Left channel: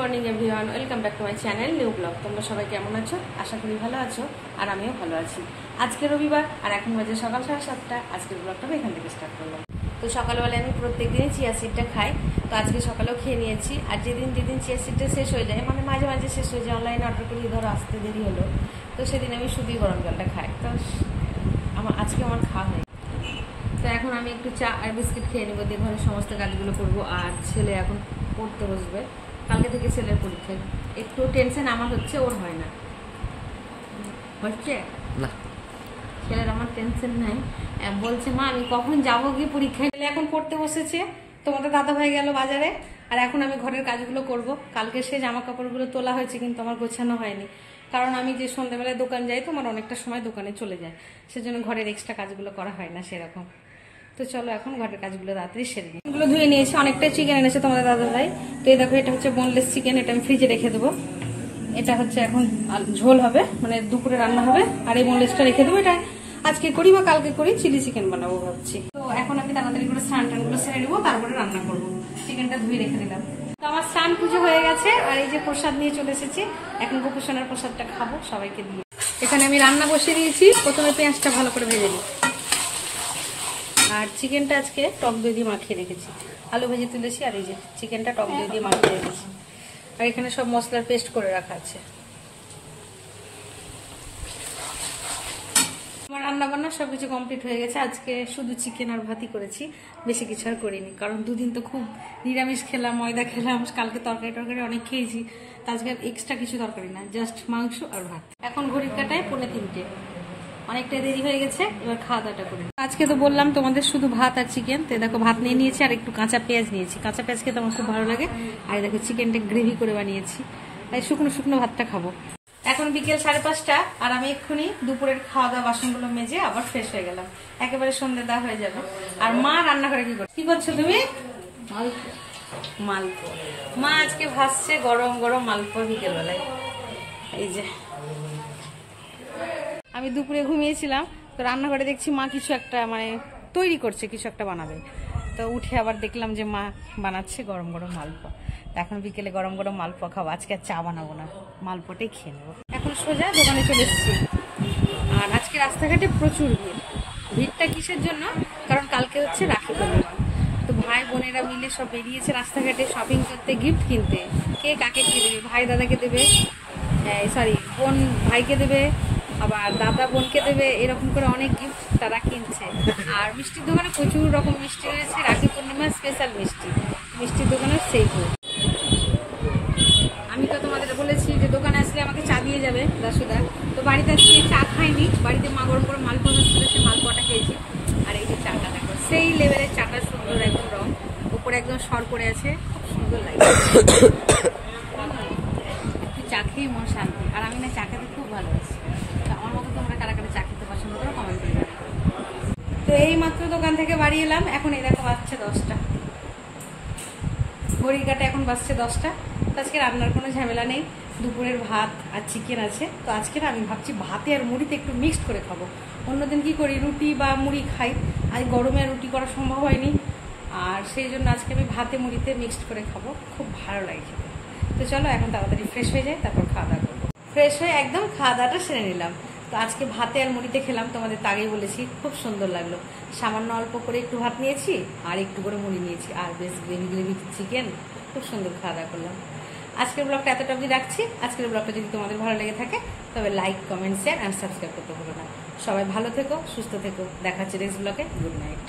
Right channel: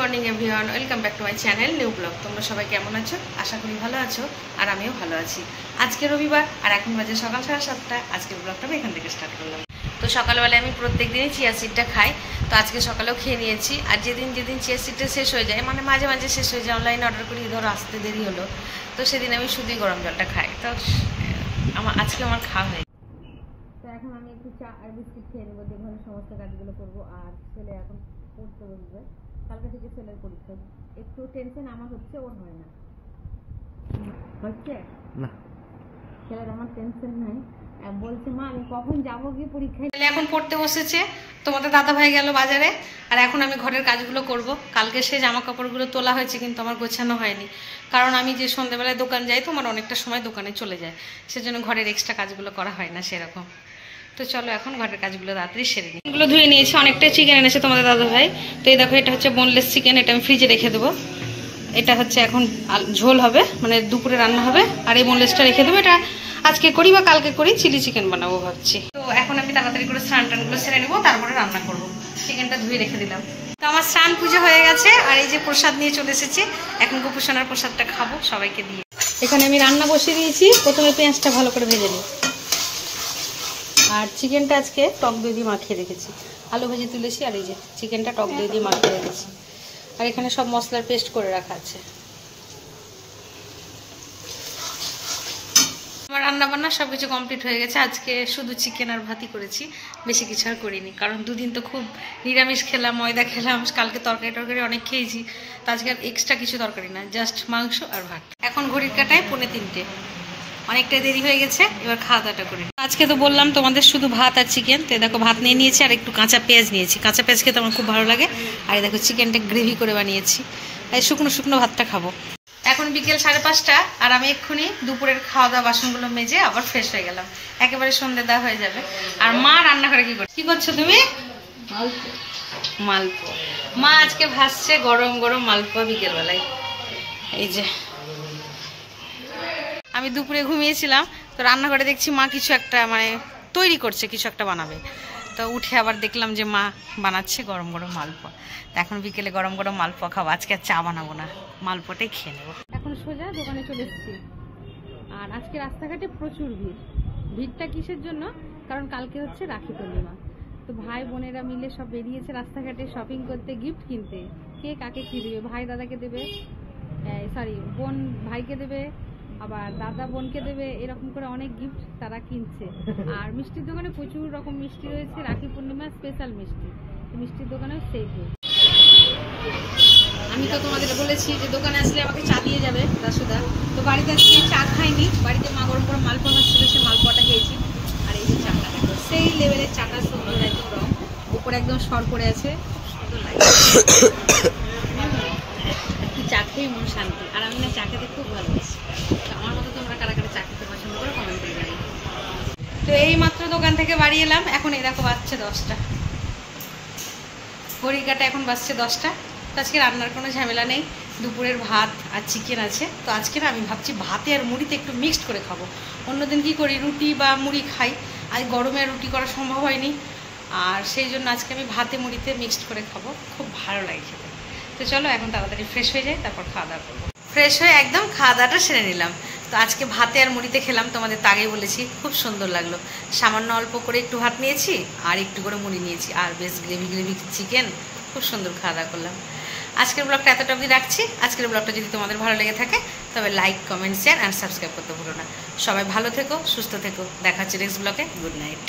Morning everyone, welcome back to my channel new blog. তোমরা সবাই কেমন আছো? আশা করি ভালো আছো, আর আমিও ভালো আছি। আজকে রবিবার আর এখন বাজে সকাল 7:30। আজকের ব্লগটা আমি এখান থেকে স্টার্ট করলাম। তো সকালবেলায় আমি প্রত্যেক দিনই চিয়া সিডটা খাই, তো আজকে সকালেও খেয়ে নিয়েছি। আর যেদিন চিয়া সিডটা শেষ হয়ে যায়, মানে মাঝে মাঝে শেষ হয়ে যায়, অনলাইনে অর্ডার করি, ধরো আসতে দেরি হলো, তো সেদিন আমি শুধুই গরম জলটা খাই। তো আজকে আমার খাওয়া হয়। তো এখন আমি একটু চা আর বিস্কিট খেয়ে নেবো, দিয়ে ঘরের সমস্ত কাজগুলো করবো। আর ছেলে এখন পড়তে বসবে, কালকে থেকে ছেলের পরীক্ষা। একটু টেনশন আমার হচ্ছে, ওর হয় না। হচ্ছে না, ছেলের আমার টেনশন নাই। বলছে মা আমি কখন যাবো গিয়ে পরীক্ষায়। এখন পড়তে বসেছে, তোমাদের দাদা ভাই গেল বাজারে, আর এখন আমি ঘরের কাজগুলো করব। কালকে সে জামা কাপড়গুলো তোলা হয়েছে, কিন্তু আমার গোছানো হয়নি, কারণ আমি যে সন্ধ্যাবেলায় দোকান যাই, তো আমার অনেকটা সময় দোকানে চলে যায়, সেজন্য ঘরের এক্সট্রা কাজগুলো করা হয় না সেরকম। তো চলো এখন ঘরের কাজগুলো তাড়াতাড়ি সেরে নিই। এগুলো ধুয়ে নিয়েছি, অনেকটাই চিকেন এনেছে তোমাদের দাদা ভাই। তো এই দেখো, এটা হচ্ছে বোনলেস চিকেন, এটা আমি ফ্রিজে রেখে দেবো। এটা হচ্ছে এখন ঝোল হবে, মানে দুপুরে রান্না হবে। আর এই বোনলেসটা রেখে দেবো, এটা আজকে করি বা কালকে করি, চিলি চিকেন বানাবো ভাবছি। তো এখন আমি তাড়াতাড়ি করে স্নান টানগুলো সেরে নেবো, তারপরে রান্না করবো। চিকেনটা ধুয়ে রেখে দিলাম। তো আমার স্নান পুজো হয়ে গেছে, আর এই যে প্রসাদ নিয়ে চলে এসেছি। এখন গোপুসোনার প্রসাদটা খাবো সবাইকে দিয়ে। এখানে আমি রান্না বসিয়ে দিয়েছি, প্রথমে পেঁয়াজটা ভালো করে ভেজে নিই। আর চিকেনটা আজকে টক দই দিয়ে মাখিয়ে রেখেছি, আলু ভেজে তুলেছি। আর এই যে চিকেনটা টক দই দিয়ে মাখিয়ে রেখেছি। আর এখানে সব মশলার পেস্ট করে রাখা আছে। আমার রান্নাবান্না সব কিছু কমপ্লিট হয়ে গেছে। আজকে শুধু চিকেন আর ভাতই করেছি, বেশি কিছু আর করিনি, কারণ দুদিন তো খুব নিরামিষ খেলাম, ময়দা খেলাম। কালকে তরকারি অনেক খেয়েছি, তো আজকে আর এক্সট্রা কিছু তরকারি না, জাস্ট মাংস আর ভাত। এখন ঘড়ির কাটায় 2:45, অনেকটা দেরি হয়ে গেছে। এবার খাওয়া দাওয়াটা করি। আজকে তো বললাম তোমাদের শুধু ভাত আর চিকেন। তো দেখো ভাত নিয়ে নিয়েছি, আর একটু কাঁচা পেঁয়াজ নিয়েছি। কাঁচা পেঁয়াজ খেতে আমার খুব ভালো লাগে। আর দেখো চিকেনটা গ্রেভি করে বানিয়েছি, এই শুকনো ভাতটা খাবো। এখন বিকেল 5:30, আর আমি এক্ষুনি দুপুরের খাওয়া দাওয়া বাসনগুলো মেজে আবার ফ্রেশ হয়ে গেলাম। একেবারে সন্ধ্যে দেওয়া হয়ে যাবে। আর মা রান্নাঘরে কি করছো তুমি? মালপোয়া। মা আজকে ভাসছে গরম গরম মালপোয়া বিকেলবেলায়। এই যে আমি দুপুরে ঘুমিয়েছিলাম, তো রান্নাঘরে দেখছি মা কিছু একটা মানে তৈরি করছে, কিছু একটা বানাবে। তো উঠে আবার দেখলাম যে মা বানাচ্ছে গরম গরম মালপোয়া। তো এখন বিকেলে গরম গরম মালপোয়া খাবো। আজকে আর চা বানাবো না, মালপোয়াটাই খেয়ে নেবো। এখন সোজা দোকানে চলে এসেছি। আর আজকে রাস্তাঘাটে প্রচুর ভিড়টা কিসের জন্য? কারণ কালকে হচ্ছে রাখি পূর্ণিমা। তো ভাই বোনেরা মিলে সব বেরিয়েছে রাস্তাঘাটে শপিং করতে, গিফট কিনতে। কে কাকে কী দেবে? ভাই দাদাকে দেবে, বোন ভাইকে দেবে, আবার দাদা বোনকে দেবে, এরকম করে অনেক গিফট তারা কিনছে। আর মিষ্টির দোকানে প্রচুর রকম মিষ্টি রয়েছে, রাখি পূর্ণিমার স্পেশাল মিষ্টির দোকানে সেই আমি তো তোমাদের বলেছি যে দোকানে আসলে আমাকে চা দিয়ে যাবে দাসুদা। তো বাড়িতে আজকে চা খাইনি, বাড়িতে মা গরম গরম মালপোয়া ভাজছিল, সে মালপোয়াটা খেয়েছি। আর এই যে চাটা দেখো, সেই লেভেলের চাটা, সুন্দর একদম রং, উপরে একদম সর পড়ে আছে, খুব সুন্দর লাগে। চা খেয়ে মন শান্তি। আর আমি না চা খেতে খুব ভালোবাসি। তো আমার মতো তোমরা কারা কারা চা খেতে পছন্দ করো কমেন্ট করে জানাও। তো এই মাত্র দোকান থেকে বাড়ি এলাম, এখন এই দেখো বাজছে 10টা, ঘড়ির কাটা এখন বাজছে 10টা। তো আজকে রান্নার কোনো ঝামেলা নেই, দুপুরের ভাত আর চিকেন আছে। তো আজকে না আমি ভাবছি ভাতে আর মুড়িতে একটু মিক্সড করে খাবো। অন্যদিন কি করি, রুটি বা মুড়ি খাই, আজ গরমে রুটি করা সম্ভব হয়নি, আর সেই জন্য আজকে আমি ভাতে মুড়িতে মিক্সড করে খাবো, খুব ভালো লাগে খেতে। তো চলো এখন তাড়াতাড়ি ফ্রেশ হয়ে যাই, তারপর খাওয়া দাওয়া করবো। ফ্রেশ হয়ে একদম খাওয়া দাওয়াটা সেরে নিলাম। তো আজকে ভাতে আর মুড়িতে খেলাম, তোমাদের তো আগেই বলেছি, খুব সুন্দর লাগলো। সামান্য অল্প করে একটু ভাত নিয়েছি, আর একটু করে মুড়ি নিয়েছি, আর বেশ গ্রেভি চিকেন, খুব সুন্দর খাওয়া দাওয়া করলাম। আজকের ব্লগটা এতটা অবধি রাখছি। আজকের ব্লগটা যদি তোমাদের ভালো লেগে থাকে, তবে like, comment, share and subscribe করতে ভুলো না। সবাই ভালো থেকো, সুস্থ থেকো। দেখা হচ্ছে নেক্সট ব্লগে। Good night.